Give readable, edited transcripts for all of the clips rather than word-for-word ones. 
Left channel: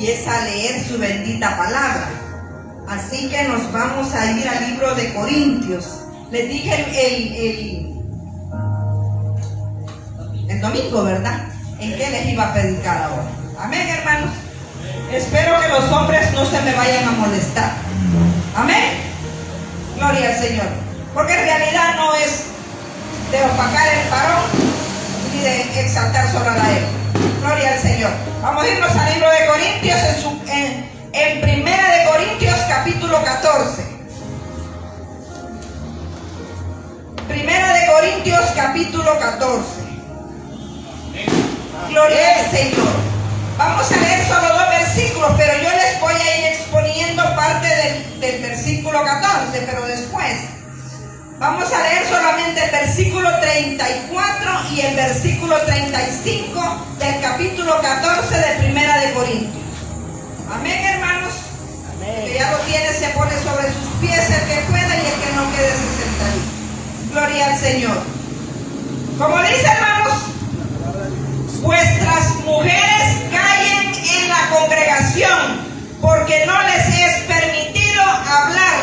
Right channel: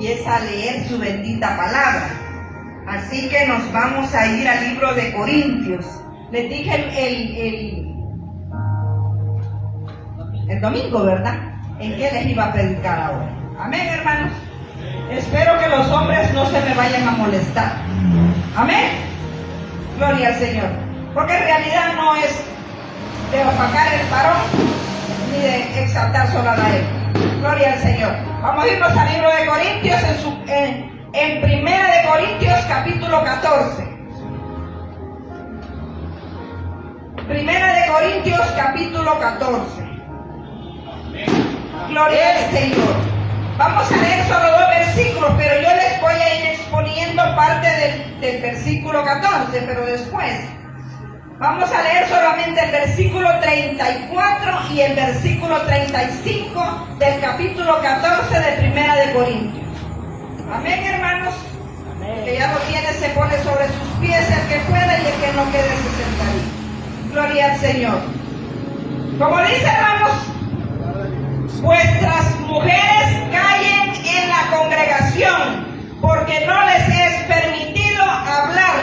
y es a leer su bendita palabra. Así que nos vamos a ir al libro de Corintios. Les dije el domingo, ¿verdad? En qué les iba a predicar ahora. Amén, hermanos. Espero que los hombres no se me vayan a molestar. Amén. Gloria al Señor. Porque en realidad no es de opacar el varón ni de exaltar solo a la él. Gloria al Señor. Vamos a irnos al libro de Corintios en Primera de Corintios capítulo 14. Primera de Corintios capítulo 14. Gloria al Señor. Vamos a leer solo 2 versículos, pero yo les voy a ir exponiendo parte del versículo 14, pero después vamos a leer solamente el versículo 34 y el versículo 35 del capítulo 14 de Primera de Corintios. Amén, hermanos. Amén. El que ya lo tiene se pone sobre sus pies el que pueda y el que no quede se sentadito. Gloria al Señor. Como dice, hermanos, vuestras mujeres callen en la congregación, porque no les es permitido hablar,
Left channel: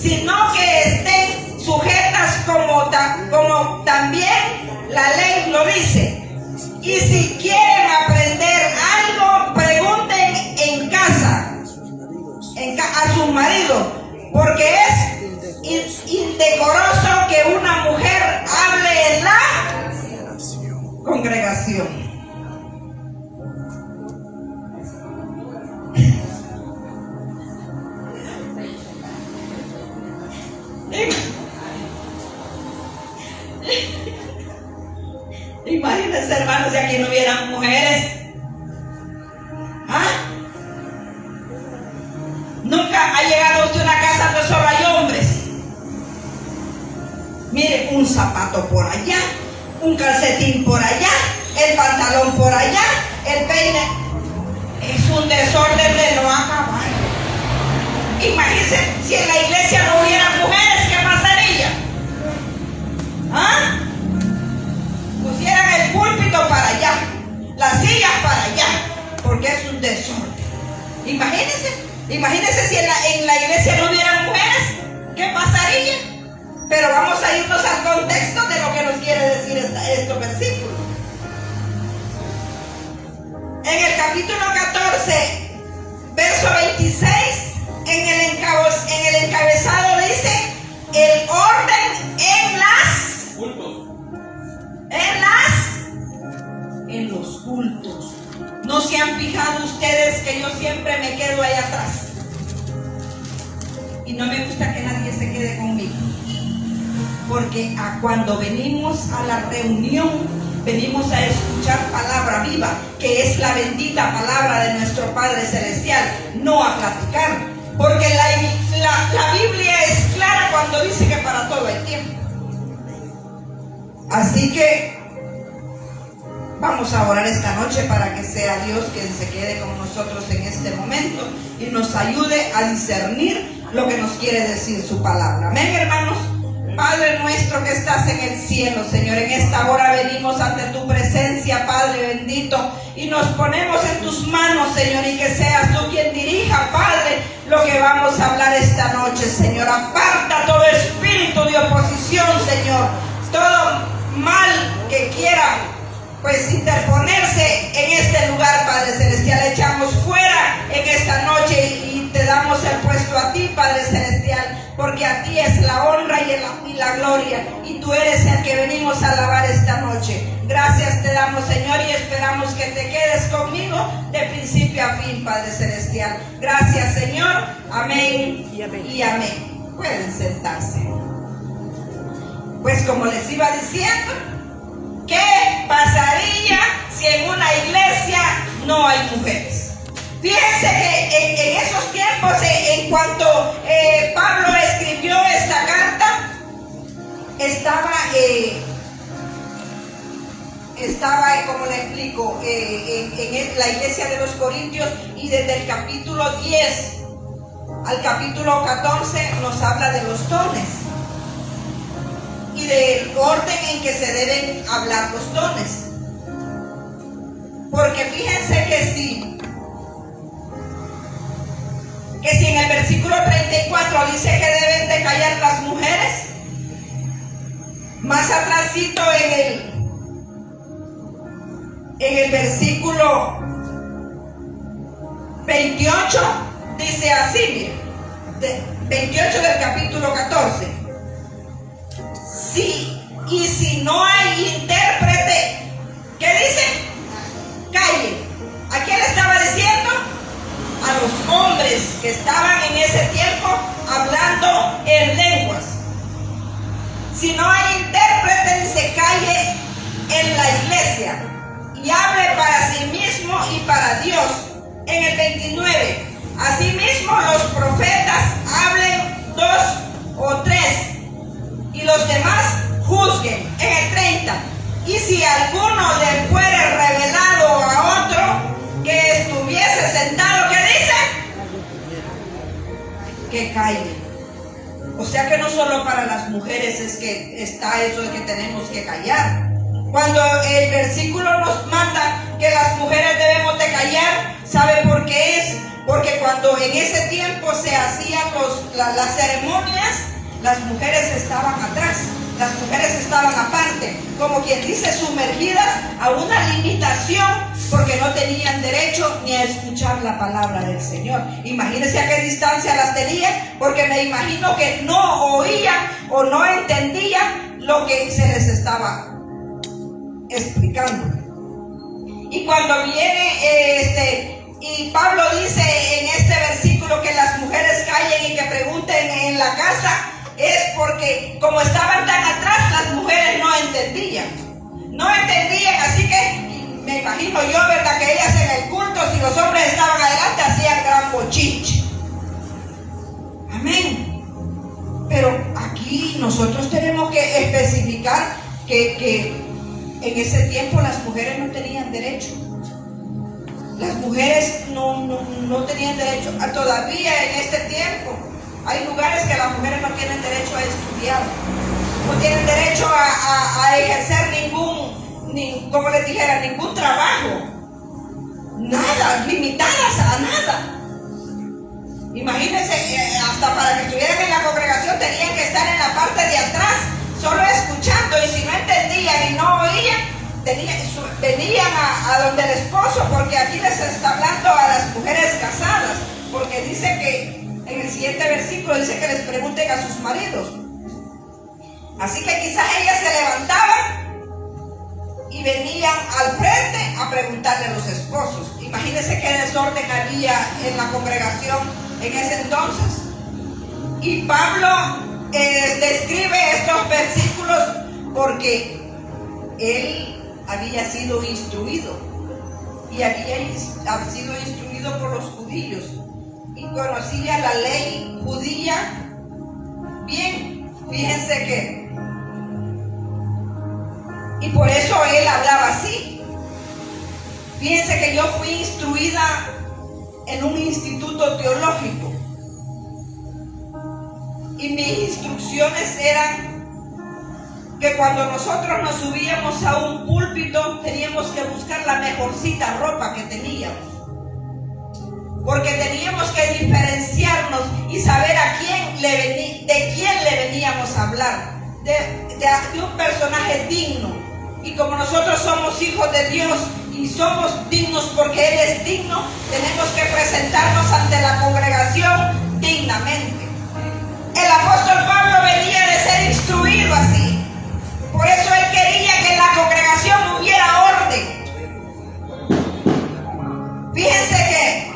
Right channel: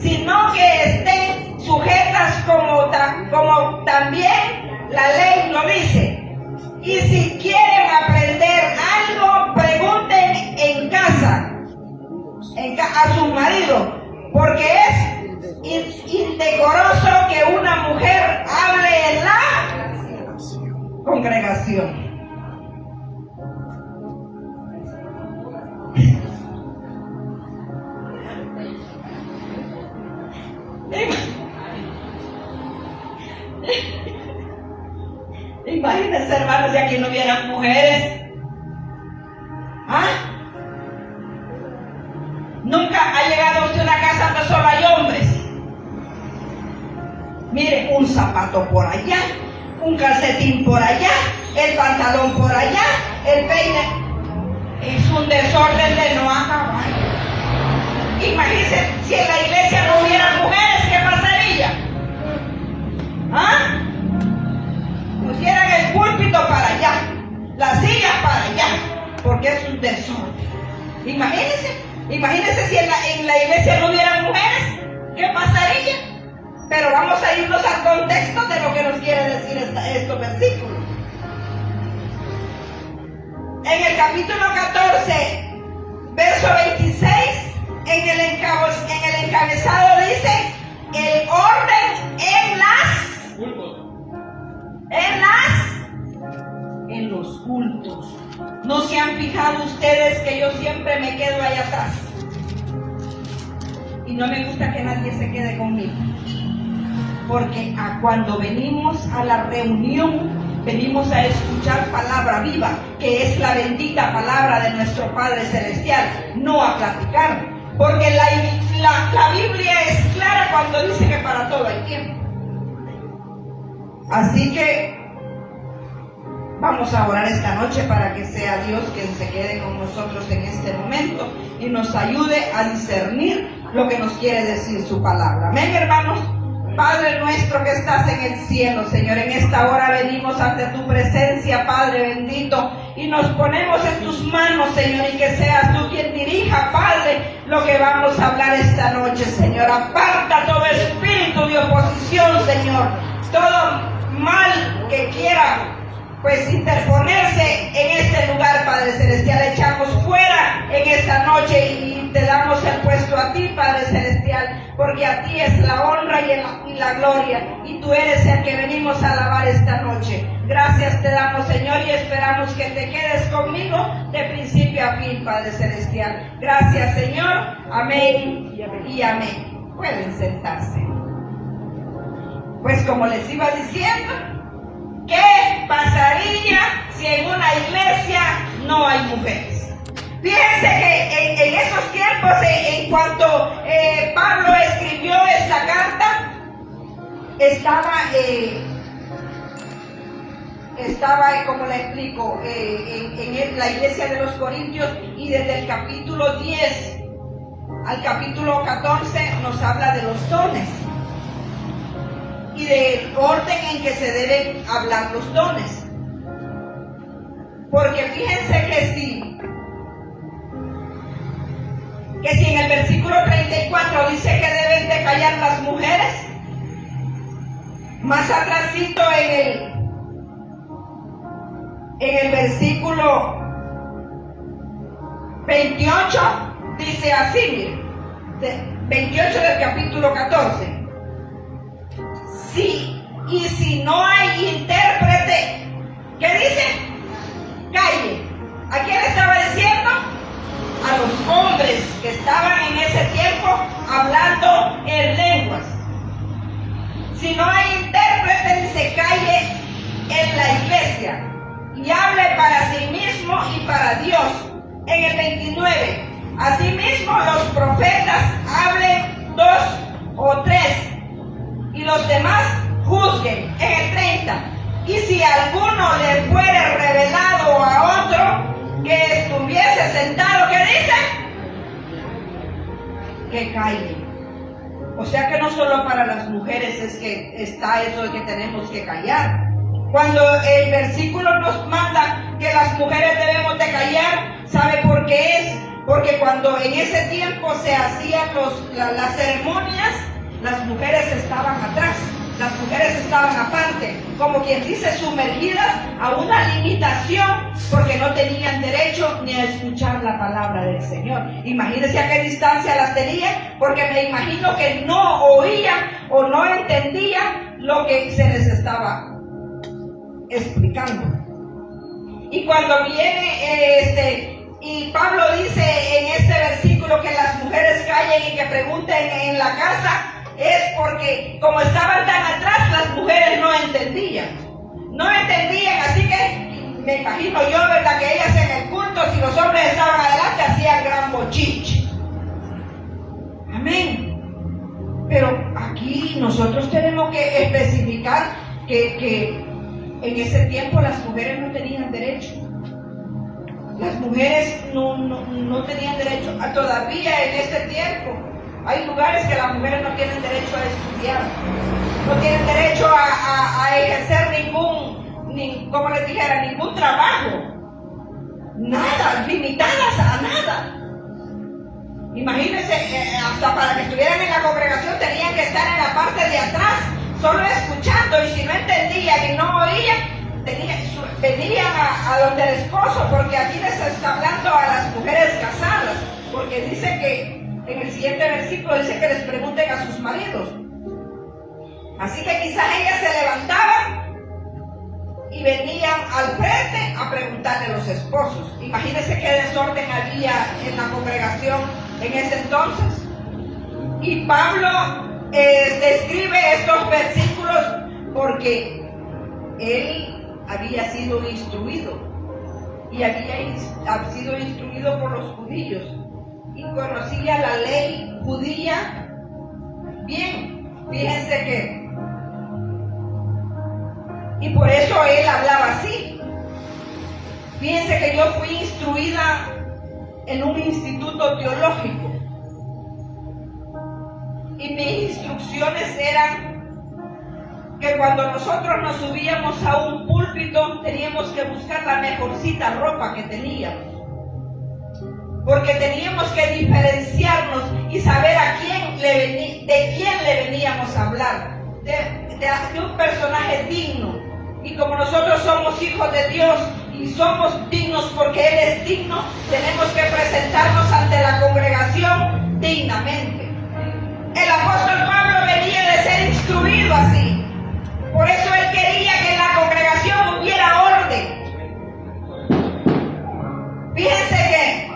sino que estén sujetas como también la ley lo dice. Y si quieren aprender algo, pregunten en casa a su marido, porque es indecoroso que una mujer hable en la congregación. Imagínense, hermanos, si aquí no hubieran mujeres. Nunca ha llegado usted a una casa donde solo hay hombres. Mire, un zapato por allá, un calcetín por allá, el pantalón por allá, el peine. Es un desorden de no acabar. Imagínense si en la iglesia no hubiera mujeres, ¿qué pasaría? Pusieran el púlpito para allá, las sillas para allá, porque es un desorden. Imagínense si en la iglesia no hubiera mujeres, ¿qué pasaría? Pero vamos a irnos al contexto de lo que nos quiere decir estos versículos. En el capítulo 14, verso 26, en el encabezado dice: el orden en los cultos. ¿No se han fijado ustedes que yo siempre me quedo ahí atrás? Y no me gusta que nadie se quede conmigo. Porque cuando venimos a la reunión, venimos a escuchar palabra viva, que es la bendita palabra de nuestro Padre Celestial, no a platicar. Porque la Biblia es clara cuando dice que para todo hay tiempo. Así que vamos a orar esta noche para que sea Dios quien se quede con nosotros en este momento y nos ayude a discernir lo que nos quiere decir su palabra. Amén, hermanos. Padre nuestro que estás en el cielo, Señor, en esta hora venimos ante tu presencia, Padre bendito, y nos ponemos en tus manos, Señor, y que seas tú quien dirija, Padre, lo que vamos a hablar esta noche, Señor. Aparta todo espíritu de oposición, Señor, todo mal que quiera pues interponerse en este lugar, Padre Celestial. Echamos fuera en esta noche y te damos el puesto a ti, Padre Celestial, porque a ti es la honra y la gloria, y tú eres el que venimos a alabar esta noche. Gracias te damos, Señor, y esperamos que te quedes conmigo de principio a fin, Padre Celestial. Gracias, Señor. Amén y amén. Pueden sentarse. Pues como les iba diciendo, ¿qué pasaría si en una iglesia no hay mujeres? Fíjense que en esos tiempos, en cuanto Pablo escribió esta carta, estaba, como le explico, en la iglesia de los Corintios, y desde el capítulo 10 al capítulo 14 nos habla de los dones y del orden en que se deben hablar los dones. Porque fíjense que si que si en el versículo 34 dice que deben de callar las mujeres, más atrásito en el versículo 28 dice así, mire, 28 del capítulo 14. Y si no hay intérprete, ¿qué dice? Calle. ¿A quién le estaba diciendo? A los hombres que estaban en ese tiempo hablando en lenguas. Si no hay intérprete, dice calle en la iglesia y hable para sí mismo y para Dios. En el 29, asimismo los profetas hablen 2 o 3 y los demás juzguen. En el 30, y si alguno le fuere revelado a otro que estuviese sentado, ¿qué dice? Que calle. O sea que no solo para las mujeres es que está eso de que tenemos que callar. Cuando el versículo nos manda que las mujeres debemos de callar, ¿sabe por qué es? Porque cuando en ese tiempo se hacían las ceremonias, las mujeres estaban atrás, las mujeres estaban aparte, como quien dice, sumergidas a una limitación, porque no tenían derecho ni a escuchar la palabra del Señor. Imagínense a qué distancia las tenían, porque me imagino que no oían o no entendían lo que se les estaba explicando. Y cuando viene y Pablo dice en este versículo que las mujeres callen y que pregunten en la casa, es porque como estaban tan atrás, las mujeres no entendían, así que me imagino yo, ¿verdad?, que ellas en el culto, si los hombres estaban adelante, hacían gran bochinche. Amén. Pero aquí nosotros tenemos que especificar que en ese tiempo las mujeres no tenían derecho. Las mujeres no tenían derecho. Todavía en este tiempo hay lugares que las mujeres no tienen derecho a estudiar, no tienen derecho a ejercer como les dijera, ningún trabajo, nada, limitadas a nada. Imagínense, hasta para que estuvieran en la congregación tenían que estar en la parte de atrás, solo escuchando, y si no entendían y no oían, venían a donde el esposo, porque aquí les está hablando a las mujeres casadas, porque dice que en el siguiente versículo dice que les pregunten a sus maridos. Así que quizás ellas se levantaban y venían al frente a preguntarle a los esposos. Imagínense qué desorden había en la congregación en ese entonces. Y Pablo describe estos versículos porque él había sido instruido y había sido instruido por los judíos y conocía la ley judía bien. Fíjense que y por eso él hablaba así. Fíjense que yo fui instruida en un instituto teológico y mis instrucciones eran que cuando nosotros nos subíamos a un púlpito teníamos que buscar la mejorcita ropa que teníamos, porque teníamos que diferenciarnos y saber de quién le veníamos a hablar, de un personaje digno. Y como nosotros somos hijos de Dios y somos dignos porque Él es digno, tenemos que presentarnos ante la congregación dignamente. El apóstol Pablo venía de ser instruido así. Por eso él quería que en la congregación hubiera orden. Fíjense que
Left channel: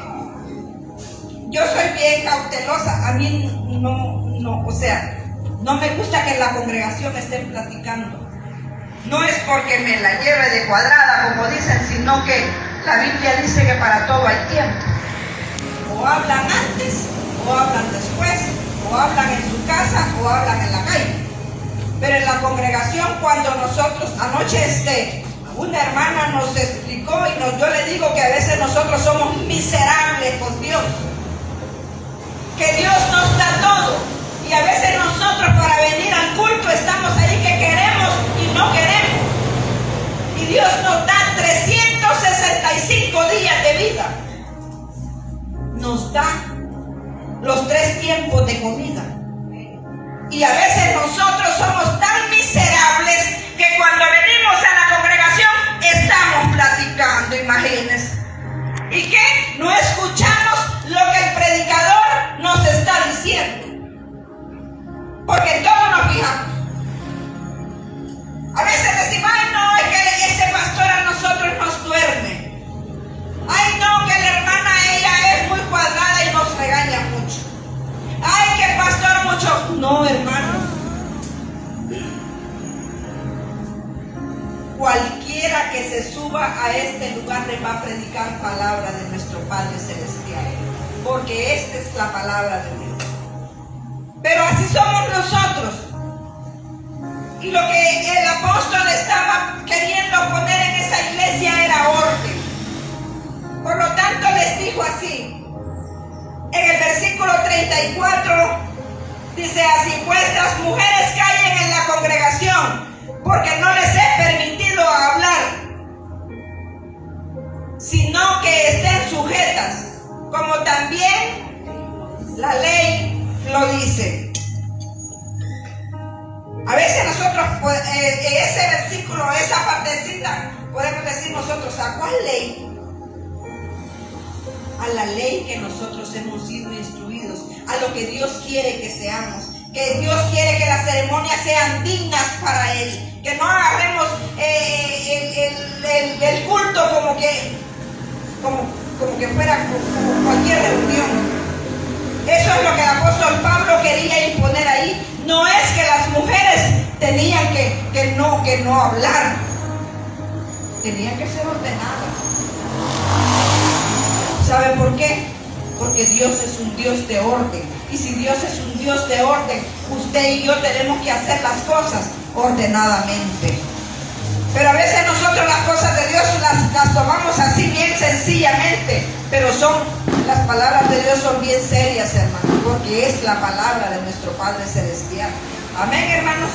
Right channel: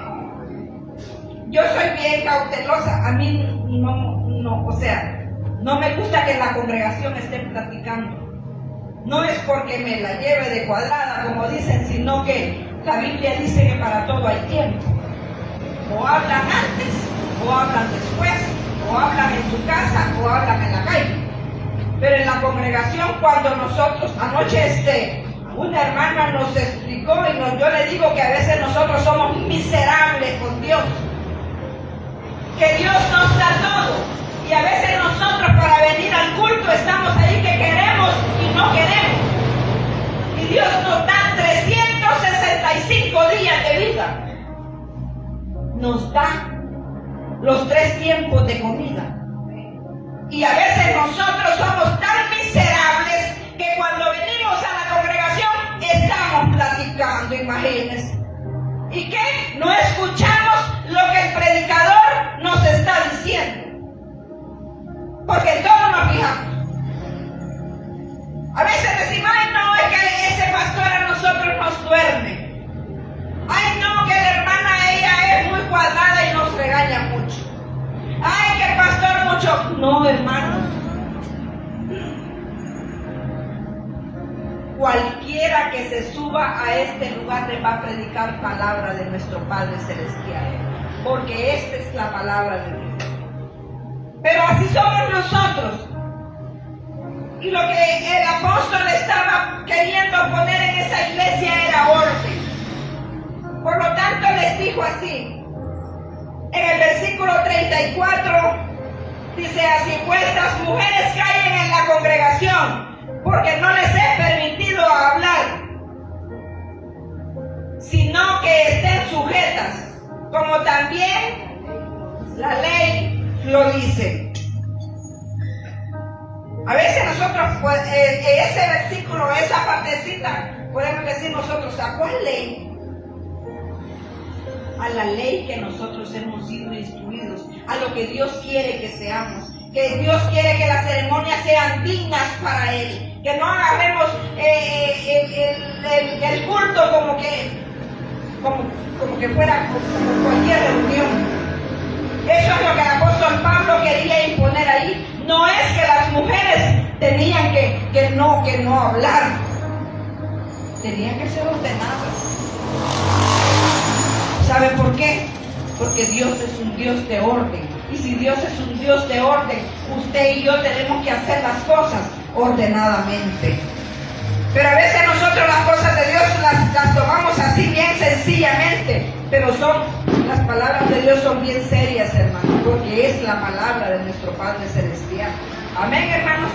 yo soy bien cautelosa. A mí no me gusta que en la congregación estén platicando. No es porque me la lleve de cuadrada, como dicen, sino que la Biblia dice que para todo hay tiempo. O hablan antes, o hablan después, o hablan en su casa, o hablan en la calle. Pero en la congregación, cuando nosotros, anoche una hermana nos explicó y yo le digo que a veces nosotros somos miserables con Dios, que Dios nos da todo, y a veces nosotros para venir al culto estamos ahí que queremos y no queremos, y Dios nos da 365 días de vida, nos da, los 3 tiempos de comida. Y a veces nosotros somos tan miserables que cuando venimos a la congregación estamos platicando, imagínense. ¿Y qué? No escuchamos lo que el predicador nos está diciendo. Porque todos nos fijamos. A veces decimos, ay no, es que ese pastor a nosotros nos duerme. Ay no, que la hermana ella es muy cuadrada y nos regaña mucho. Ay, que el pastor mucho. No, hermanos. Cualquiera que se suba a este lugar le va a predicar palabra de nuestro Padre Celestial. Porque esta es la palabra de Dios. Pero así somos nosotros. Y lo que el apóstol estaba queriendo poner en esa iglesia era orden. Por lo tanto les dijo así. En el versículo 34 dice así: vuestras mujeres callen en la congregación, porque no les he permitido hablar, sino que estén sujetas, como también la ley lo dice. A veces nosotros, ese versículo, esa partecita, podemos decir nosotros, ¿a cuál ley? A la ley que nosotros hemos sido instruidos, a lo que Dios quiere que seamos, que Dios quiere que las ceremonias sean dignas para Él, que no hagamos el culto como que fuera como cualquier reunión. Eso es lo que el apóstol Pablo quería imponer ahí. No es que las mujeres tenían que no hablar, tenían que ser ordenadas. ¿Sabe por qué? Porque Dios es un Dios de orden. Y si Dios es un Dios de orden, usted y yo tenemos que hacer las cosas ordenadamente. Pero a veces nosotros las cosas de Dios las tomamos así bien sencillamente. Pero las palabras de Dios son bien serias, hermanos, porque es la palabra de nuestro Padre Celestial. Amén, hermanos.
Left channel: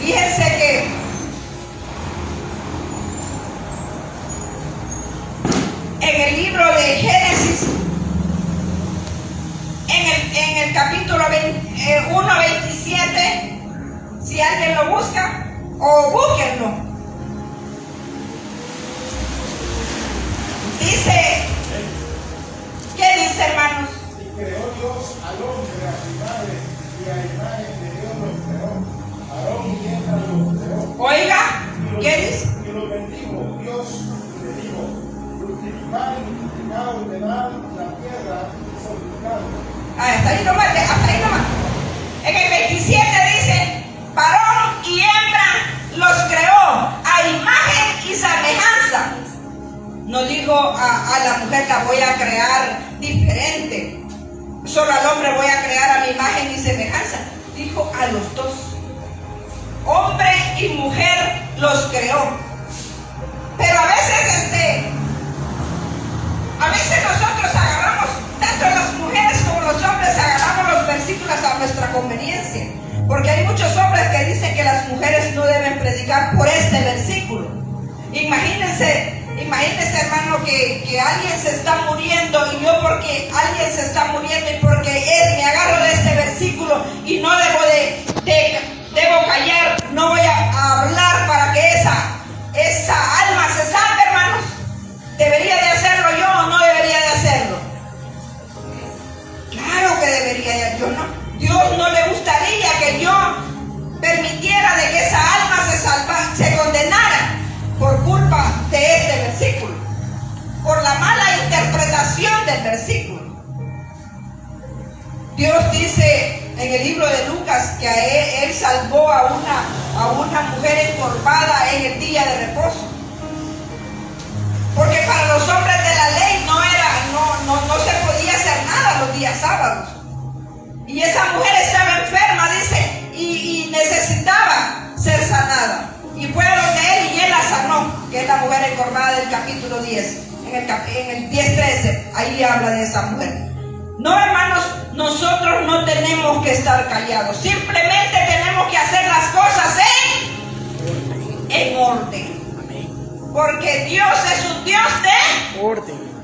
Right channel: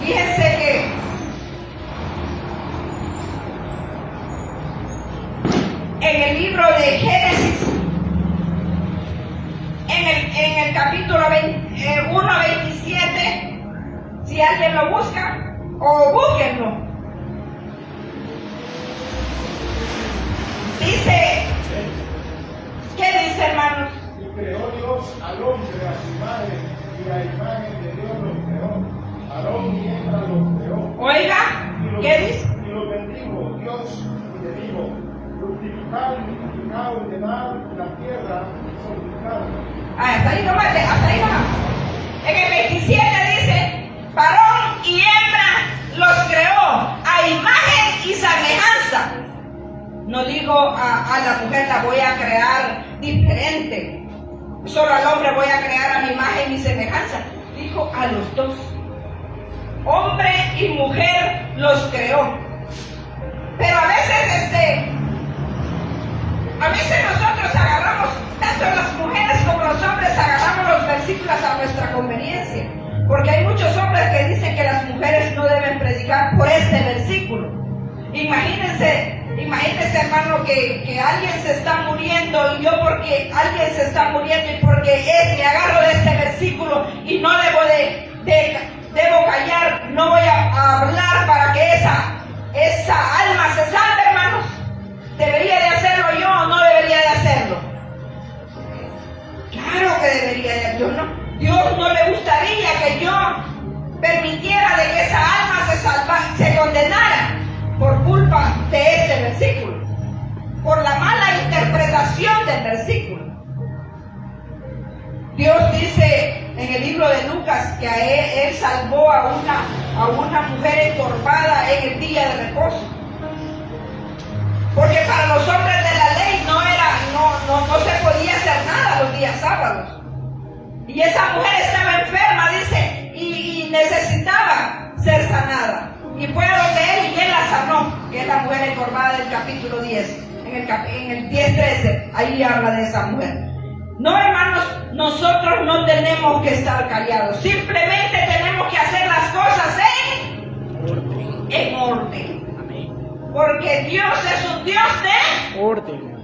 Fíjense que en el libro de Génesis, en el capítulo 1:27, si alguien lo busca, o búsquenlo, dice, ¿qué dice, hermanos? Y creó Dios al hombre a su imagen, y a imagen de Dios los creó. Aarón y Eva los creó. Oiga, ¿qué dice? Y los bendijo Dios y le dijo: fructificad y multiplicad, ordenad la tierra y santificadla. Hasta ahí nomás, hasta ahí nomás. En el 27 dice, varón y hembra los creó a imagen y semejanza. No digo a la mujer la voy a crear diferente, solo al hombre voy a crear a mi imagen y semejanza. Dijo a los dos, hombre y mujer los creó. Pero a veces nosotros agarramos, tanto las mujeres como los hombres, agarramos los versículos a nuestra conveniencia. Porque hay muchos hombres que dicen que las mujeres no deben predicar por este versículo. Imagínense, hermano, que alguien se está muriendo, y yo porque alguien se está muriendo y porque me agarro de este versículo y no debo callar, no voy a hablar para que esa alma se salve, hermanos. ¿Debería de hacerlo yo o no debería de hacerlo? Claro que debería de hacerlo, ¿no? Dios no le gustaría que yo permitiera de que esa alma se condenara por culpa de este versículo, por la mala interpretación del versículo. Dios dice en el libro de Lucas que él salvó a una mujer encorvada en el día de reposo, porque para los hombres de la ley no se podía hacer nada los días sábados. Y esa mujer estaba enferma, dice, y necesitaba ser sanada. Y fue donde él y él la sanó, que es la mujer encorvada del capítulo 10. En el 10:13, ahí habla de esa mujer. No, hermanos, nosotros no tenemos que estar callados. Simplemente tenemos que hacer las cosas en orden. Porque Dios es un Dios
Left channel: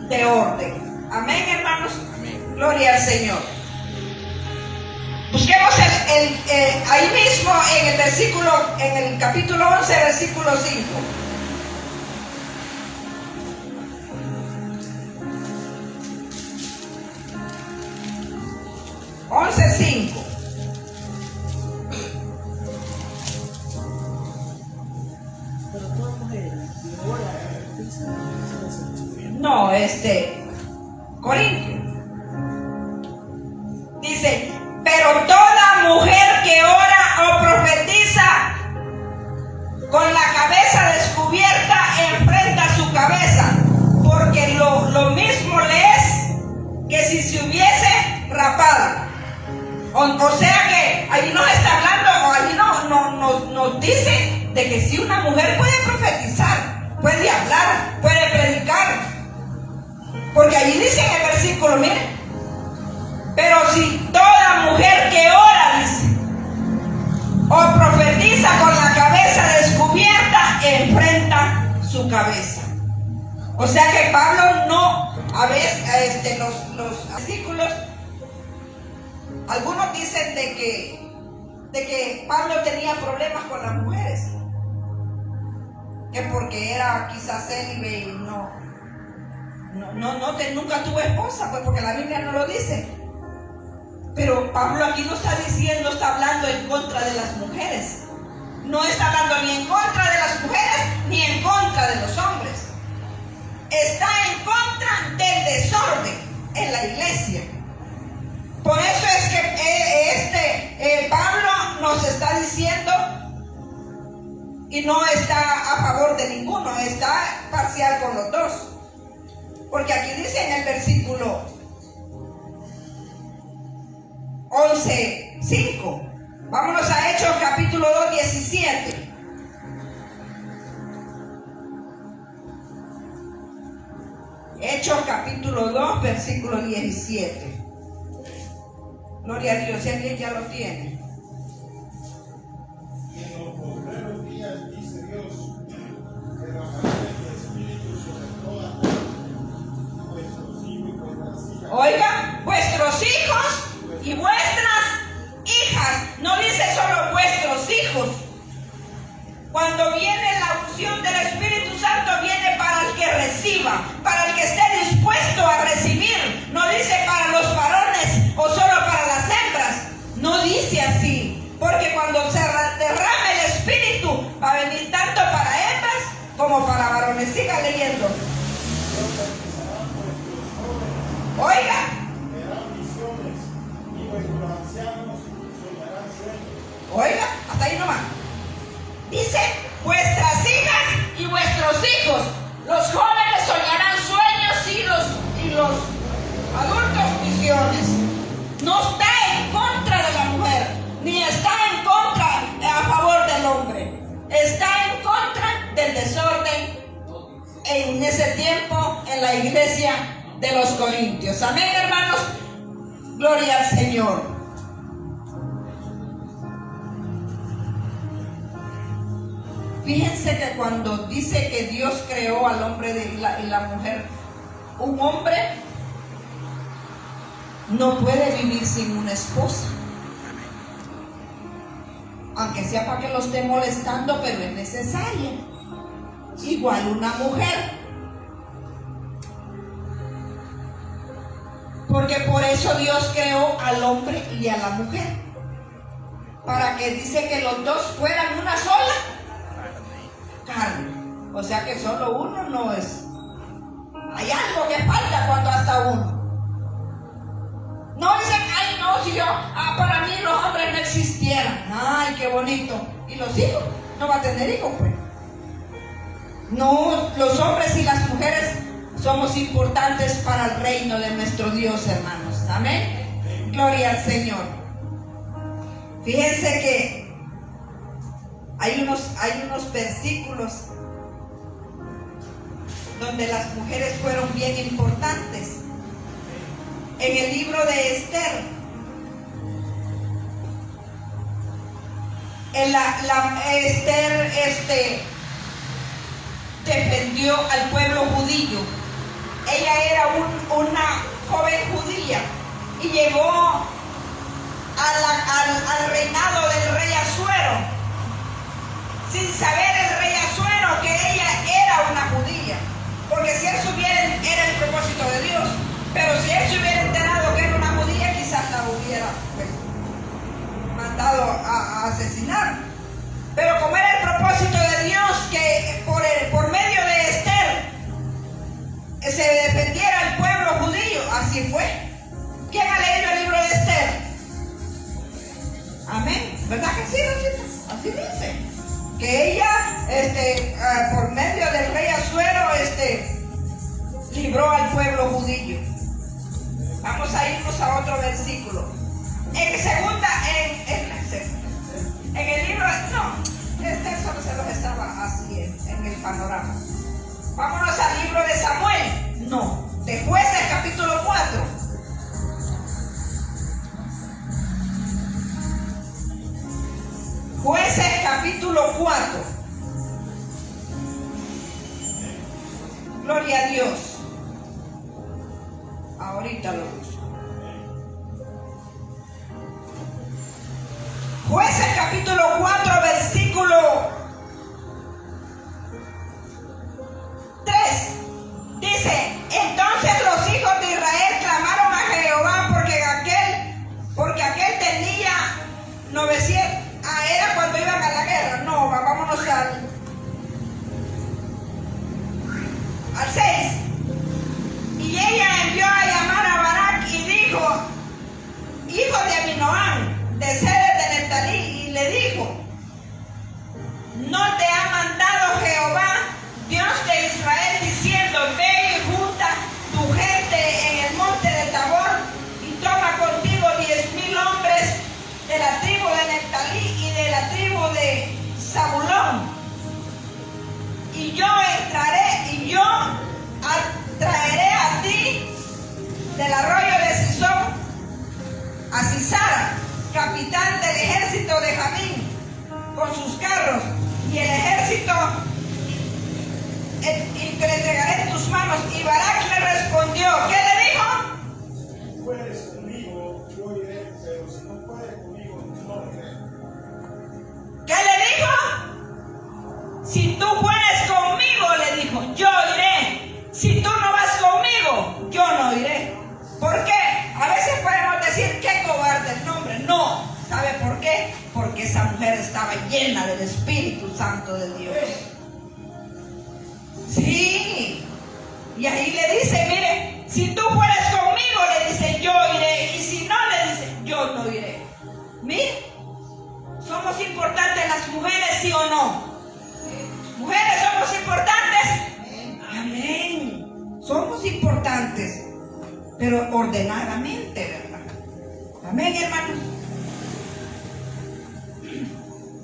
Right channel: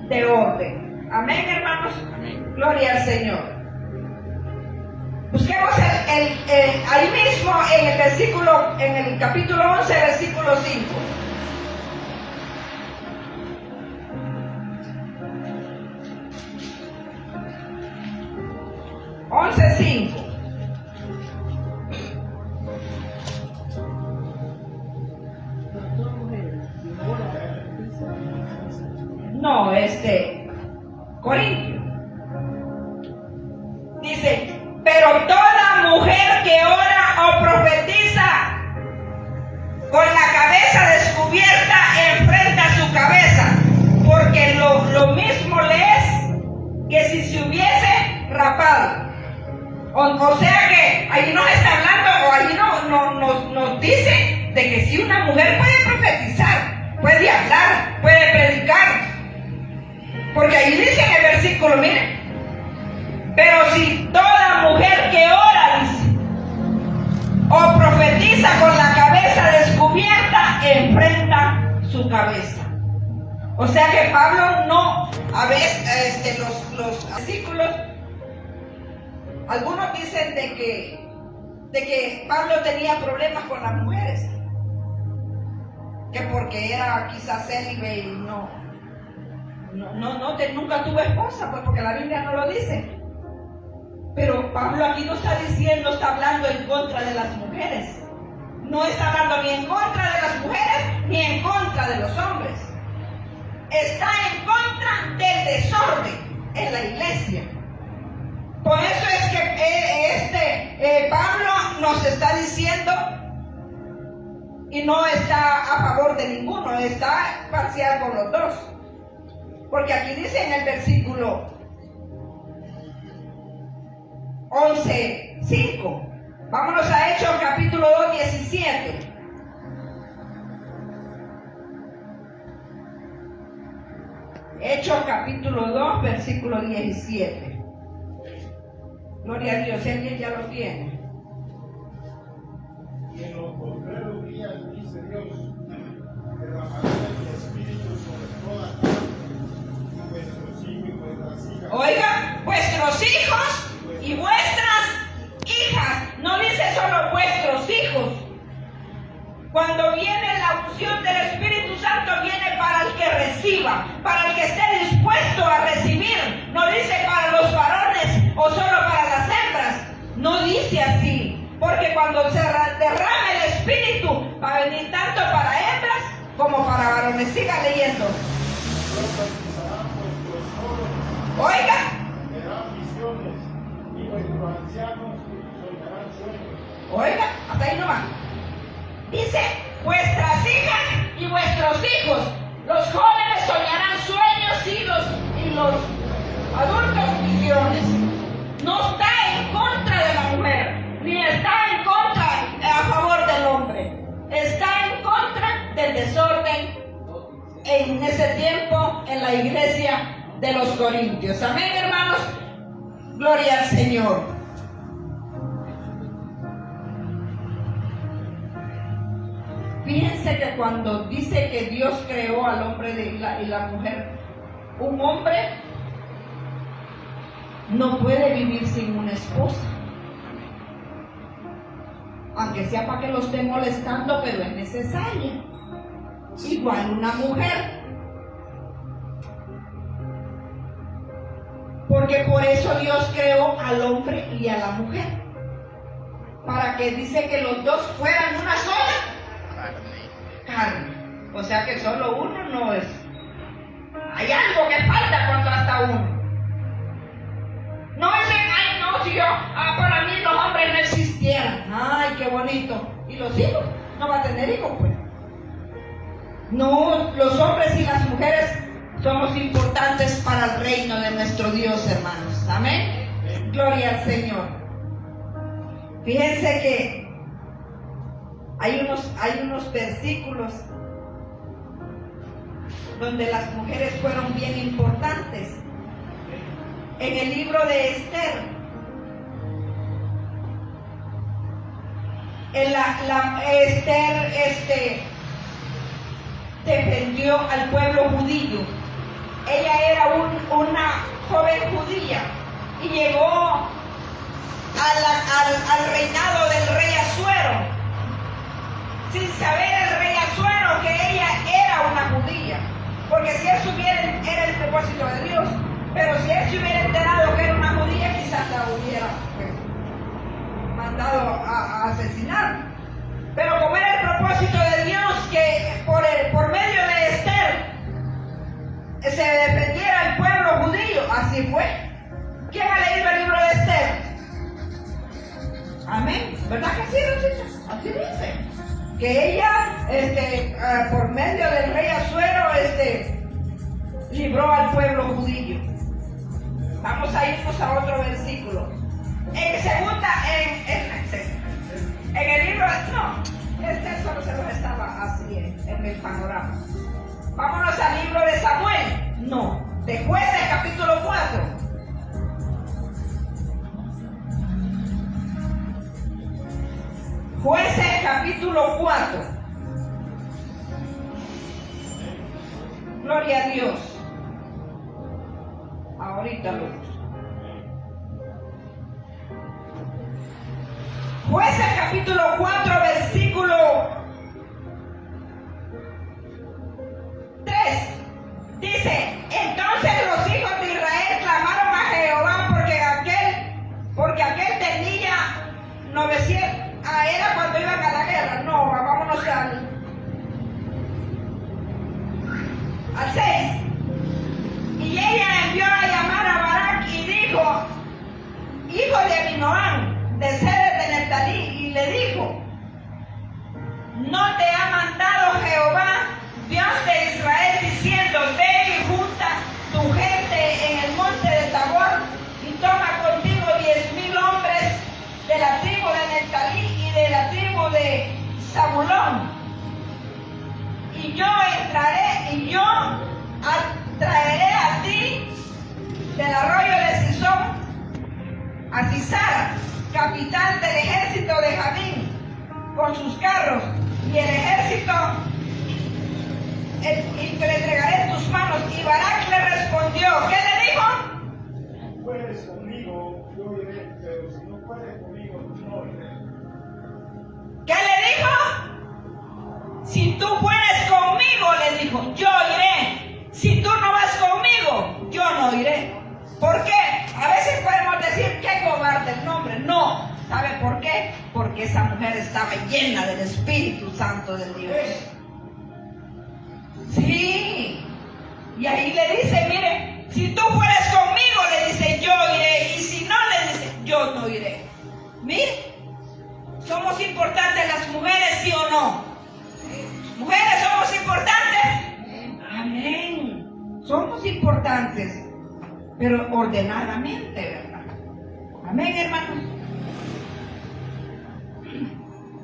de orden. Amén, hermanos. Amén. Gloria al Señor. Busquemos ahí mismo en el capítulo 11, versículo 5. No, Corintio. Dice, pero toda mujer que ora o profetiza con la cabeza descubierta enfrenta su cabeza, porque lo mismo le es que si se hubiese rapado. O sea que ahí nos está hablando, ahí nos dice de que si una mujer puede profetizar, puede hablar, puede predicar. Porque ahí dice en el versículo, miren, pero si toda mujer que ora, dice, o profetiza con la cabeza descubierta, enfrenta su cabeza. O sea que Pablo no, a veces, los versículos, algunos dicen de que Pablo tenía problemas con las mujeres, que porque era quizás célibe y nunca tuvo esposa, pues porque la Biblia no lo dice. Pero Pablo aquí no está diciendo, está hablando en contra de las mujeres. No está hablando ni en contra de las mujeres ni en contra de los hombres. Está en contra del desorden en la iglesia. Por eso es que Pablo nos está diciendo, y no está a favor de ninguno, está parcial con los dos. Porque aquí dice en el versículo 11:5. Vámonos a Hechos capítulo 2, 17. Hechos capítulo 2, versículo 17. Gloria a Dios, si alguien ya lo tiene. Y en los postreros días, dice Dios, derramaré mi espíritu sobre toda carne, y vuestros hijos y vuestras hijas. Oiga, vuestros hijos y vuestras hijas. No dice solo vuestros hijos. Cuando viene la unción del Espíritu Santo, viene para el que reciba, para el que esté dispuesto a recibir. No dice para los varones o solo para las hembras. No dice así. Porque cuando se derrame el Espíritu, va a venir tanto para hembras como para varones. Siga leyendo. Oiga. Verán visiones, y vuestros ancianos soñarán sueños. Oiga, hasta ahí nomás. Dice, vuestras hijas y vuestros hijos. Los jóvenes soñarán sueños y los adultos visiones. No está en contra de la mujer, ni está en contra, a favor del hombre. Está en contra del desorden en ese tiempo en la iglesia de los Corintios. Amén, hermanos. Gloria al Señor. Fíjense que cuando dice que Dios creó al hombre y la mujer, un hombre no puede vivir sin una esposa. Aunque sea para que lo esté molestando, pero es necesaria. Igual una mujer. Porque por eso Dios creó al hombre y a la mujer. Para que dice que los dos fueran una sola carne. O sea que solo uno no es. Hay algo que falta cuando hasta uno. No dicen, ay no, si yo, para mí los hombres no existieran. Ay, qué bonito. ¿Y los hijos? No va a tener hijos, pues. No, los hombres y las mujeres somos importantes para el reino de nuestro Dios, hermanos. Amén. Gloria al Señor. Fíjense que hay unos versículos donde las mujeres fueron bien importantes. En el libro de Esther, Esther defendió al pueblo judío. Ella era una joven judía y llegó a al reinado del rey Asuero, sin saber el rey Asuero que ella era una judía. Porque si él supiera, era el propósito de Dios, pero si él se hubiera enterado que era una judía, quizás la hubiera mandado a asesinar. Pero como era el propósito de Dios que por medio de Esther se defendiera el pueblo judío, así fue. ¿Quién ha leído el libro de Esther? Amén. ¿Verdad que sí, Rosita? Así dice. Que ella, por medio del rey Asuero, libró al pueblo judío. Vamos a irnos a otro versículo. En el libro, solo se los estaba así en el panorama. Vámonos al libro de Samuel. No, de Jueces capítulo 4. Jueces capítulo 4. Gloria a Dios. Ahorita lo busco. Jueces capítulo 4, versículo 3. Dice: entonces los hijos de Israel clamaron a Jehová porque aquel tenía 900. Era cuando iban a la guerra. No, vámonos al 6. Y ella envió a llamar a Barak y dijo: hijo de Abinoam, de Ceres de Neftalí, y le dijo: ¿no te ha mandado Jehová, Dios de Israel, diciendo: ve y junta tu gente en el monte de Tabor y toma contigo 10,000 hombres de la tribu de Neftalí y de la tribu de Zabulón? Y yo entraré y yo traeré a ti del arroyo de Sisón a Sisara, capitán del ejército de Jabín, con sus carros y el ejército, y que le entregaré en tus manos. Y Barak le respondió, ¿qué le dijo? Si puedes conmigo, yo iré, pero si no puedes conmigo, no iré. ¿Qué le dijo? Si tú puedes conmigo, le dijo, yo iré. Si tú no vas conmigo, yo no iré. ¿Por qué? A veces podemos decir, qué cobarde el nombre. No. ¿Sabe por qué? Porque esa mujer estaba llena del Espíritu Santo de Dios. Sí. Y ahí le dice, mire, si tú fueres conmigo, le dice, yo iré. Y si no, le dice, yo no iré. Mire, ¿somos importantes las mujeres, sí o no? ¿Mujeres somos importantes? Amén. Somos importantes, pero ordenadamente, ¿verdad? Amén, hermanos.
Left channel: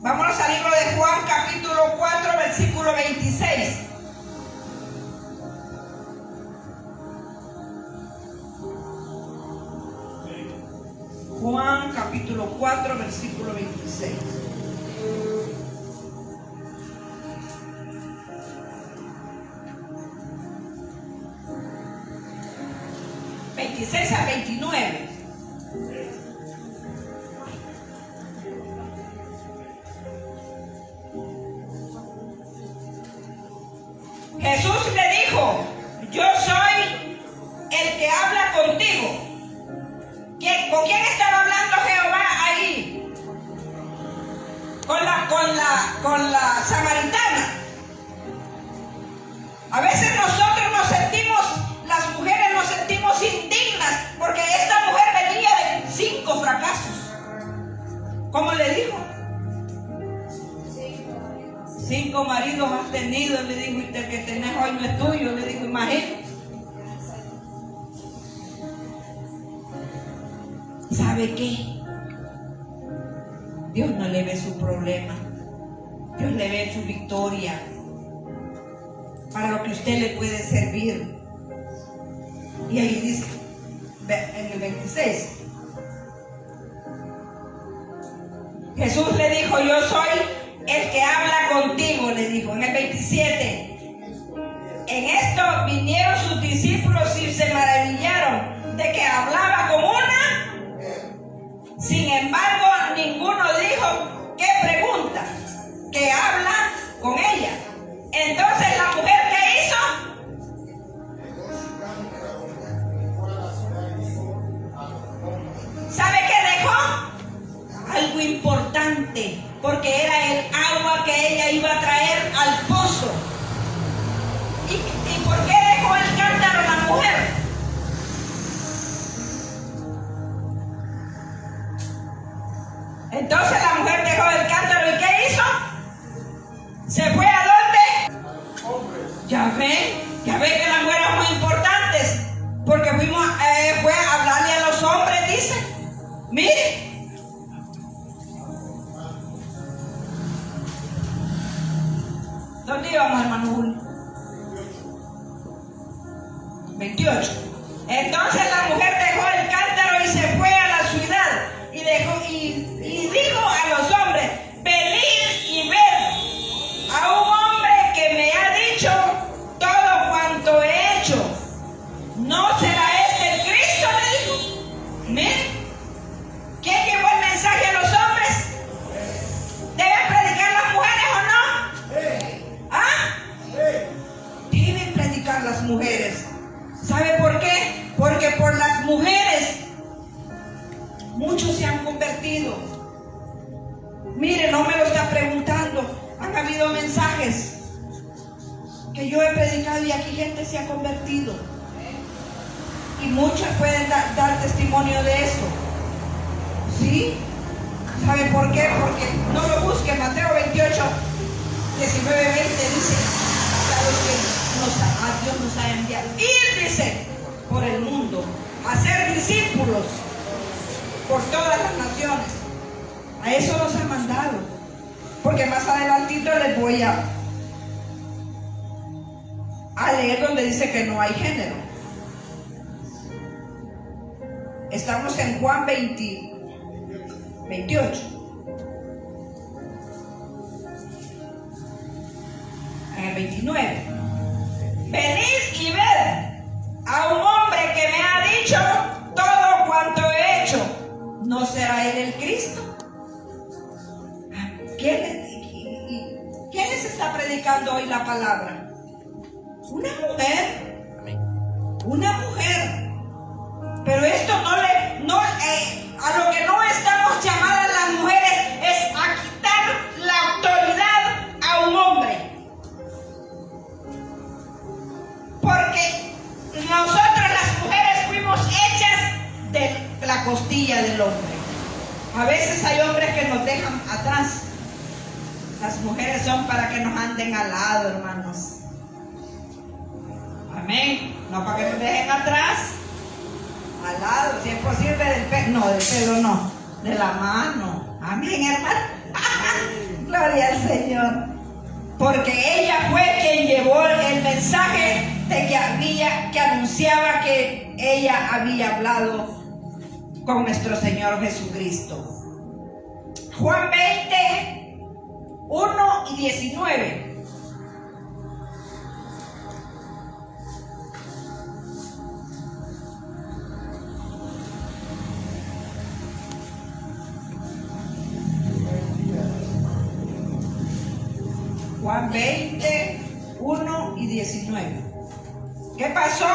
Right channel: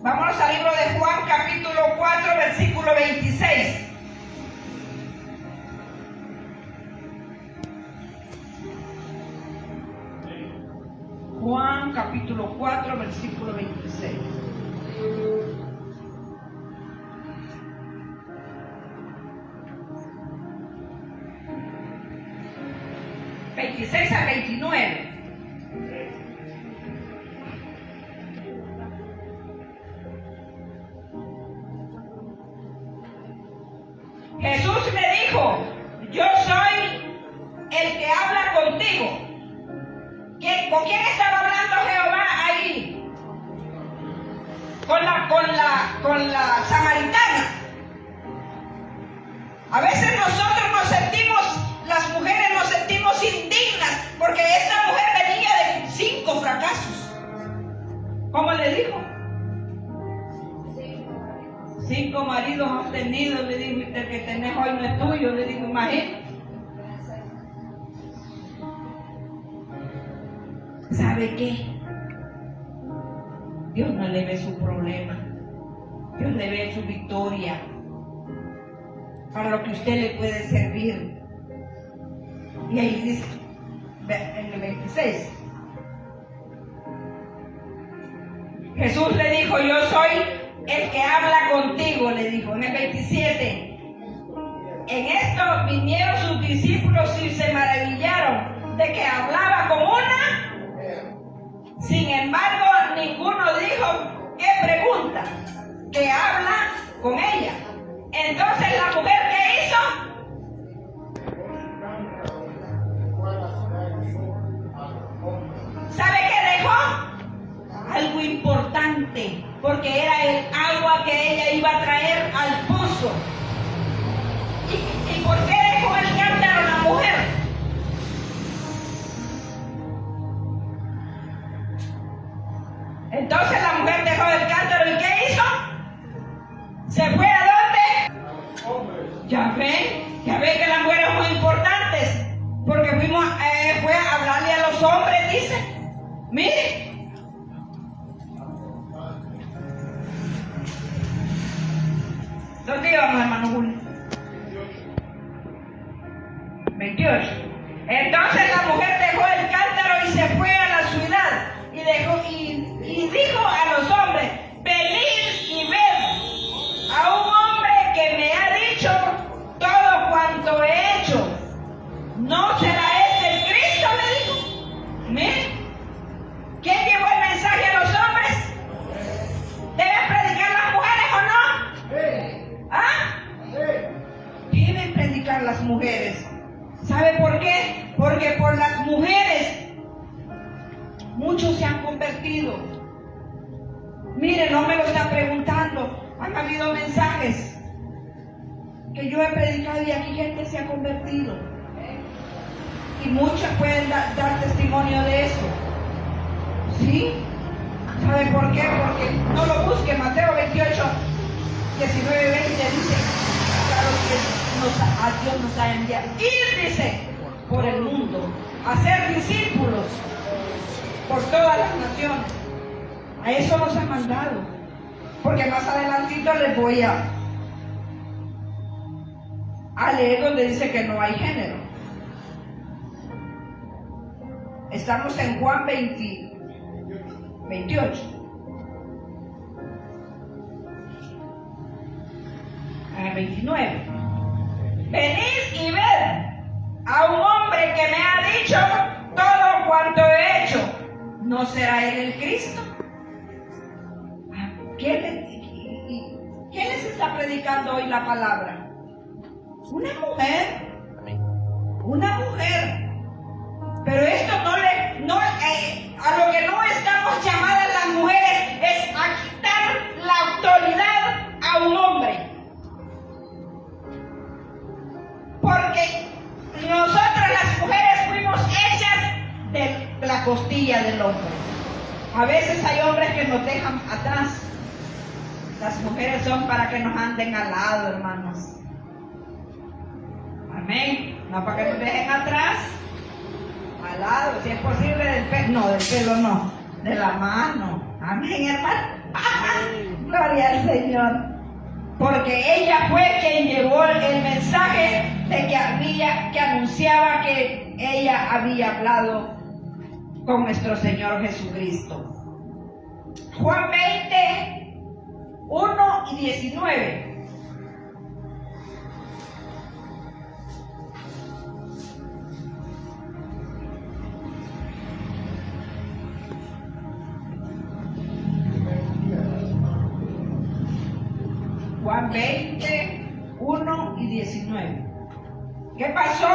Vámonos al libro de Juan, capítulo 4, versículo 26. Juan, capítulo 4, versículo 26. A 29. Jesús le dijo, yo soy el que habla contigo. ¿Con quién estaba hablando Jehová ahí? Con la samaritana. A veces nosotros nos sentimos, las mujeres nos sentimos indignas porque esta mujer venía de 5 fracasos. ¿Cómo le dijo? 5 maridos has tenido, le dijo, y el que tenés hoy no es tuyo, le dijo, imagínate. ¿Sabe qué? Dios no le ve su problema, Dios le ve su victoria, para lo que usted le puede servir. Y ahí dice, en el 26, Jesús le dijo, yo soy el que habla contigo, le dijo. En el 27, en esto vinieron sus discípulos y se maravillaron de que hablaba como una. Sin embargo, ninguno ¿qué pregunta? Que habla con ella. Entonces la mujer, ¿qué hizo? ¿Sabe qué dejó? Algo importante, porque era el agua que ella iba a traer al pozo. ¿Y por qué dejó el cántaro la mujer? Entonces la mujer dejó el cántaro y ¿qué hizo? ¿Se fue a dónde? Ya ve que las mujeres son muy importantes, porque fue a hablarle a los hombres, dice. Mire. ¿Dónde íbamos, hermano Julio? 28. Entonces la mujer dejó el cántaro y se fue a la ciudad y dijo a los hombres: venid y ved a un hombre que me ha dicho todo cuanto he hecho. ¿No será este el Cristo? Me dijo. Miren, ¿quién llevó el mensaje a los hombres? ¿Deben predicar las mujeres o no? ¿Ah? Deben predicar las mujeres. ¿Sabe por qué? Porque por las mujeres muchos se han convertido. Mire, no me lo está preguntando. Han habido mensajes que yo he predicado y aquí gente se ha convertido. Y muchos pueden dar testimonio de eso. ¿Sí? ¿Sabe por qué? Porque no lo busque. Mateo 28, 19, 20 dice: claro que Dios nos ha enviado. Ir, dice, por el mundo, a ser discípulos por todas las naciones. A eso nos ha mandado. Porque más adelantito les voy a leer donde dice que no hay género. Estamos en Juan 28. En el 29. Venid y ved a un hombre que me ha dicho todo cuanto he hecho. ¿No será él el Cristo? ¿Quién les está predicando hoy la palabra? Una mujer. Una mujer. Pero esto a lo que no estamos llamadas las mujeres es a quitar la autoridad a un hombre. Porque nosotras las mujeres fuimos hechas de la costilla del hombre. A veces hay hombres que nos dejan atrás. Las mujeres son para que nos anden al lado, hermanos. Amén. No para que nos dejen atrás. Al lado, si es posible del pelo. No, del pelo no. De la mano. Amén, hermano. Gloria al Señor. Porque ella fue quien llevó el mensaje de que anunciaba que ella había hablado con nuestro Señor Jesucristo. Juan 20, 1 y 19. Juan 20, 1 y 19. ¿Qué pasó?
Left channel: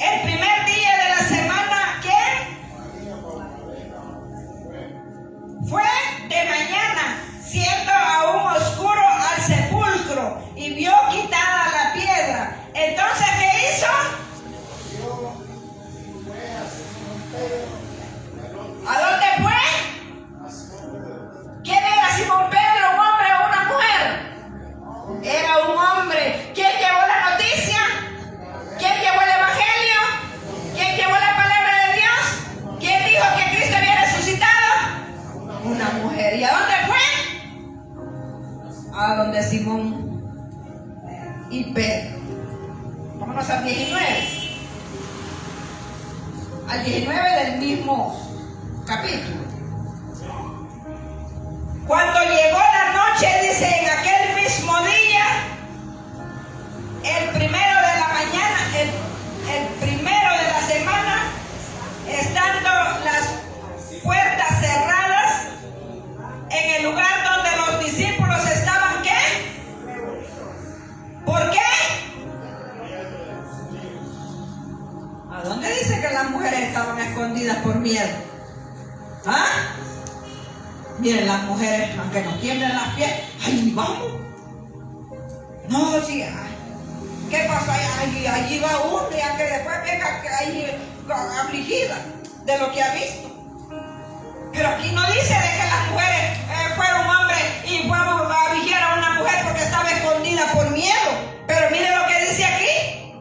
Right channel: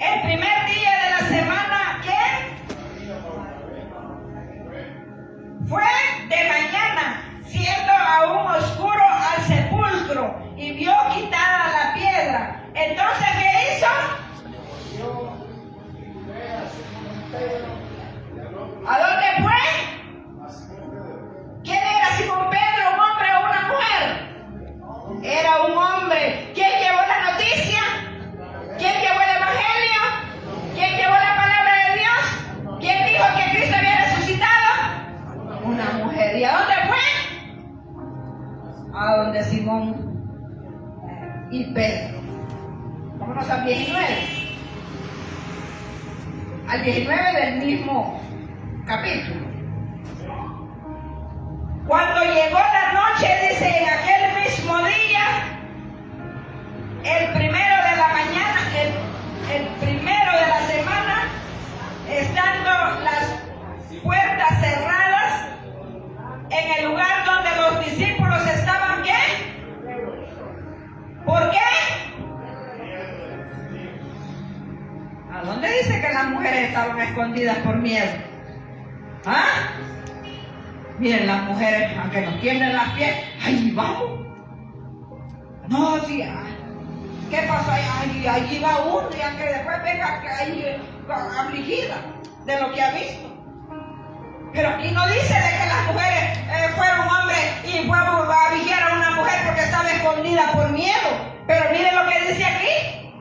El primer día de la semana, ¿qué? Fue de mañana, siendo aún oscuro, al sepulcro y vio quitada la piedra. Entonces, ¿qué hizo? ¿A dónde fue? ¿Quién era Simón Pedro, un hombre o una mujer? Era un hombre. ¿Quién llevó la noticia? ¿Quién llevó el evangelio? ¿Quién llevó la palabra de Dios? ¿Quién dijo que Cristo había resucitado? Una mujer. ¿Y a dónde fue? A donde Simón y Pedro. Vámonos al 19. Al 19 del mismo capítulo. Cuando llegó la noche, dice, en aquel mismo día, el primero de la mañana, el primero de la semana, estando las puertas cerradas, en ¿Ah? Miren, las mujeres, aunque nos tienden las pies, ahí vamos. No, sí, ¿qué pasó? Allí va uno, y aunque después venga ahí afligida de lo que ha visto. Pero aquí no dice de que las mujeres fueron hombres y fueron a vigilar a una mujer porque estaba escondida por miedo. Pero miren lo que dice aquí.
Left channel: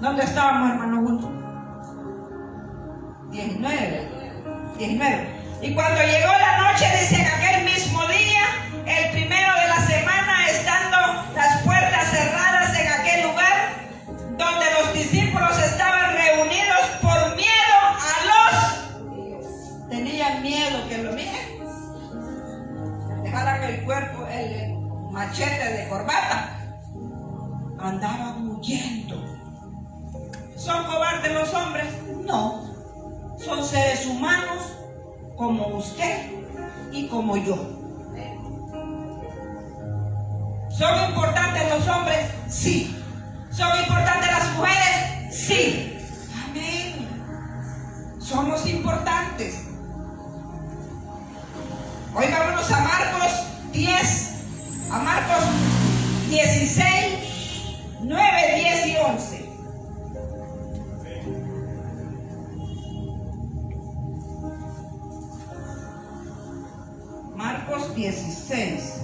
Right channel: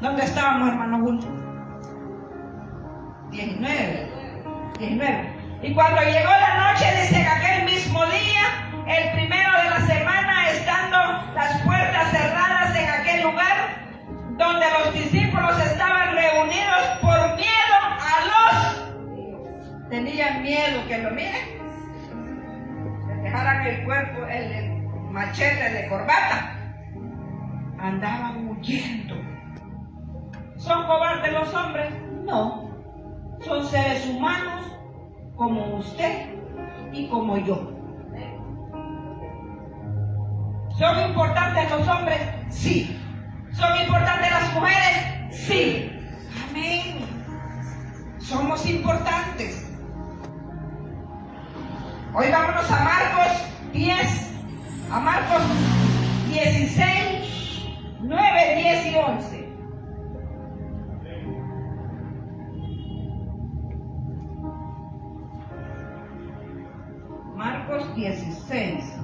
¿Dónde estábamos, hermano Bulto? 19. Y cuando llegó la noche, dice que aquel mismo día, el primero de la semana, estando las puertas cerradas en aquel lugar, donde los discípulos estaban reunidos por miedo a los... Tenían miedo que lo miren, que dejaran el cuerpo, el machete de corbata. Andaban huyendo. ¿Son cobardes los hombres? No. Son seres humanos como usted y como yo. ¿Son importantes los hombres? Sí. ¿Son importantes las mujeres? Sí. Amén. Somos importantes. Hoy vámonos a Marcos 10, a Marcos 16, 9, 10 y 11. Marcos 16.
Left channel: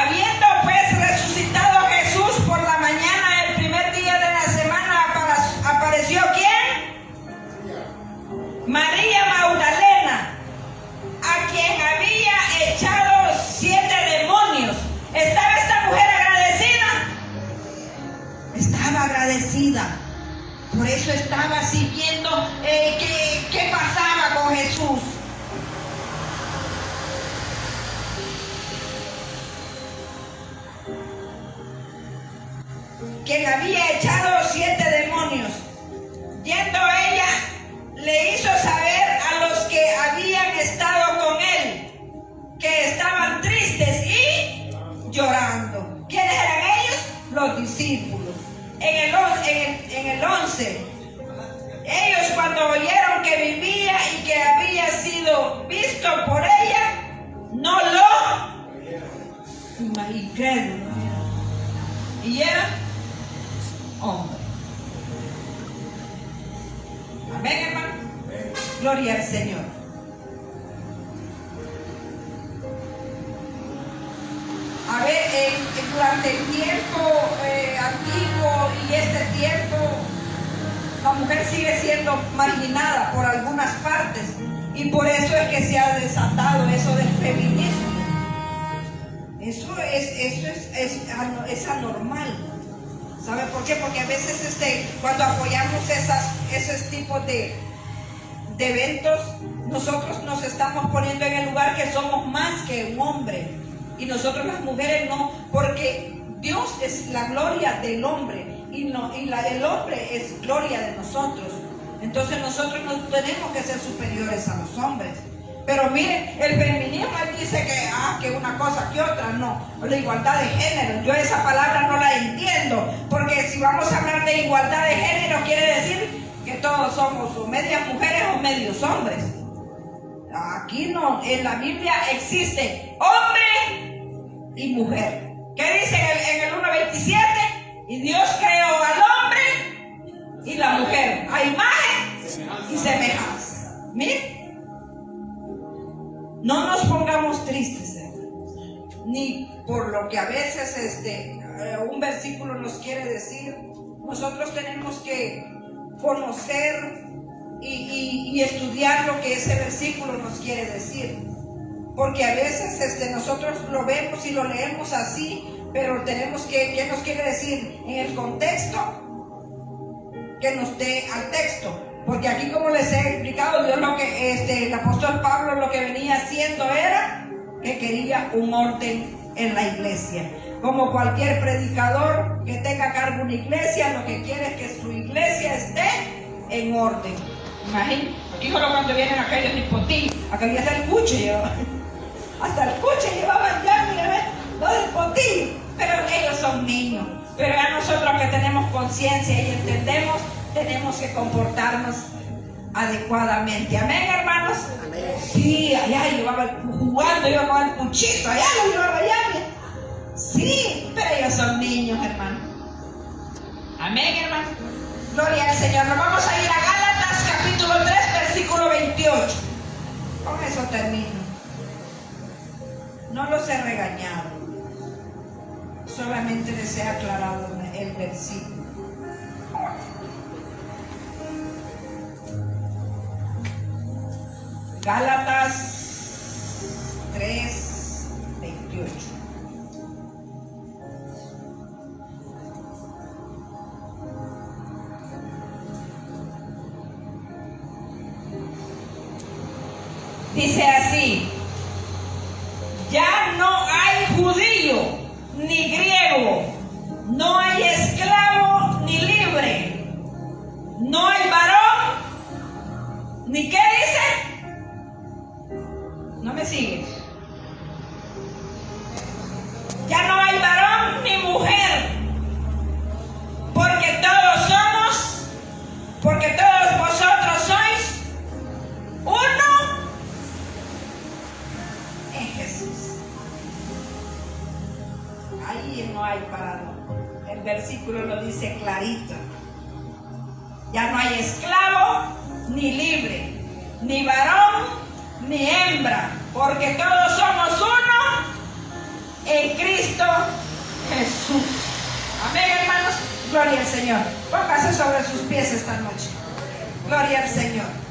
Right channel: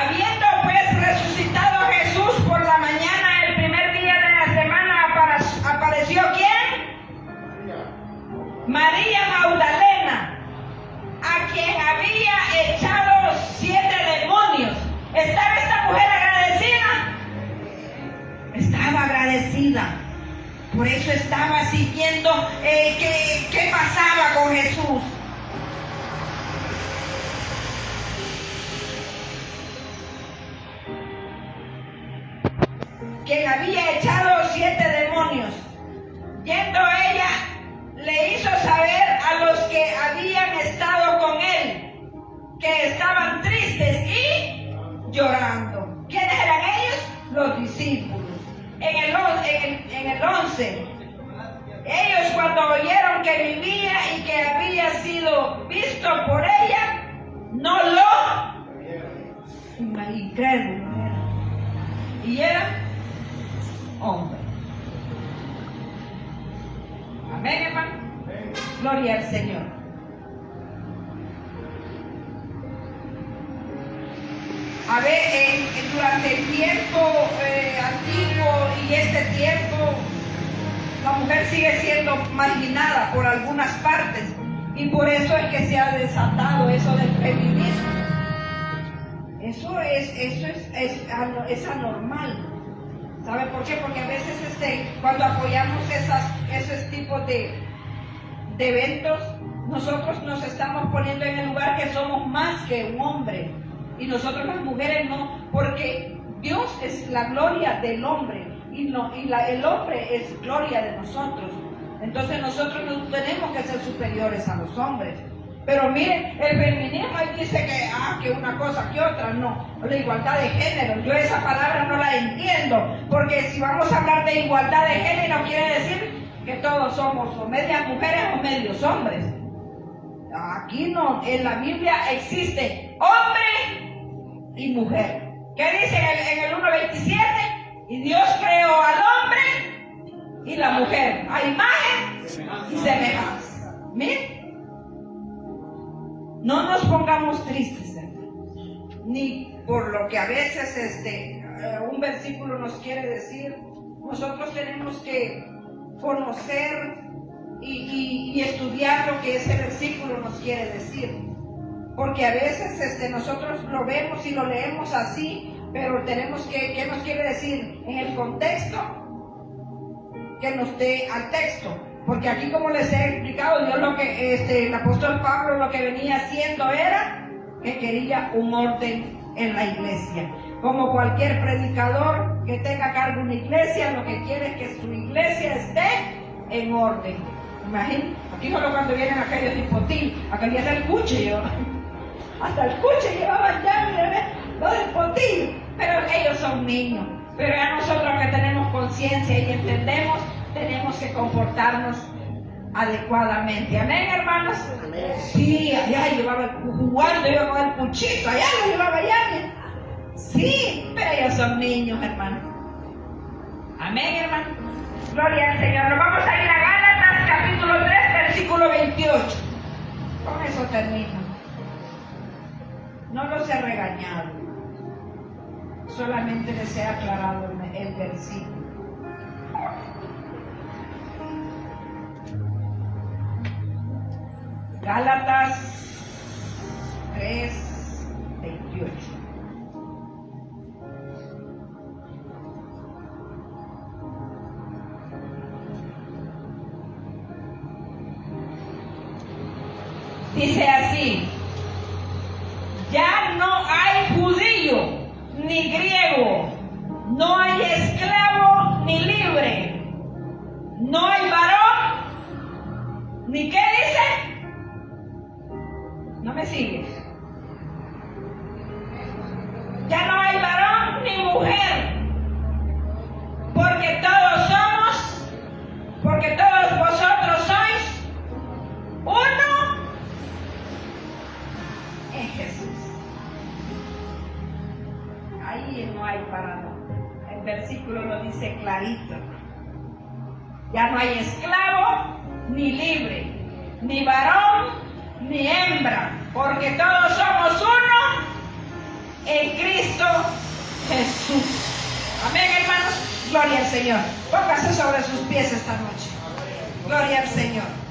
Habiendo pues resucitado Jesús por la mañana, el primer día de la semana, apareció ¿quién? María Magdalena, a quien había echado 7 demonios. ¿Estaba esta mujer agradecida? Estaba agradecida. Por eso estaba siguiendo qué pasaba con Jesús. Quien había echado 7 demonios. Yendo ella, le hizo saber a los que habían estado con él que estaban tristes y llorando. ¿Quiénes eran ellos? Los discípulos. En el 11, ellos cuando oyeron que vivía y que había sido visto por ella, no lo incrédulo. Y era hombre. Amén, hermano. Gloria al Señor. A ver, durante el tiempo antiguo y este tiempo, la mujer sigue siendo marginada por algunas partes, y por eso es que se ha desatado eso del feminismo. Eso es anormal. ¿Sabe por qué? Porque a veces cuando apoyamos esos tipos de eventos, nosotros nos estamos poniendo en el lugar que somos más que un hombre. Y nosotros las mujeres no, porque Dios es la gloria del hombre y el hombre es gloria de nosotros. Entonces nosotros no tenemos que ser superiores a los hombres. Pero miren, el feminismo dice que una cosa que otra, no. La igualdad de género, yo esa palabra no la entiendo, porque si vamos a hablar de igualdad de género quiere decir que todos somos o medias mujeres o medios hombres. Aquí no, en la Biblia existe hombre y mujer. ¿Qué dice en el 1:27? Y Dios creó al hombre y la mujer a imagen y semejanza. Miren. No nos pongamos tristes, ni por lo que a veces un versículo nos quiere decir. Nosotros tenemos que conocer y estudiar lo que ese versículo nos quiere decir, porque a veces nosotros lo vemos y lo leemos así, pero tenemos ¿qué nos quiere decir? En el contexto que nos dé al texto. Porque aquí, como les he explicado, Dios el apóstol Pablo lo que venía haciendo era que quería un orden en la iglesia. Como cualquier predicador que tenga a cargo una iglesia, lo que quiere es que su iglesia esté en orden. Imagínense, Aquí solo cuando vienen aquellos tipo ti, aquellos hasta el cuche llevaban. Hasta el cuche llevaban ya, mira, lo del potillo. Pero ellos son niños. Pero ya nosotros que tenemos conciencia y entendemos, tenemos que comportarnos adecuadamente. Amén, hermanos. Amén. Sí, allá llevaba jugando, llevaba el cuchito, allá lo llevaba allá. Sí, pero ellos son niños, hermano. Amén, hermano. Gloria al Señor. Nos vamos a ir a Gálatas capítulo 3, versículo 28. Con eso termino. No los he regañado. Solamente les he aclarado el versículo. Gálatas 3, 28. Dice así: ya no hay judío ni griego, no hay esclavo ni libre, no hay varón, ni qué dice, no me sigues, ya no hay varón ni mujer, porque todos vosotros sois uno en Jesús. Ahí no hay parado. El versículo lo dice clarito. Ya no hay esclavo ni libre, ni varón ni hembra, porque todos somos uno en Cristo Jesús. Amén, hermanos. Gloria al Señor. Póngase sobre sus pies esta noche. Gloria al Señor.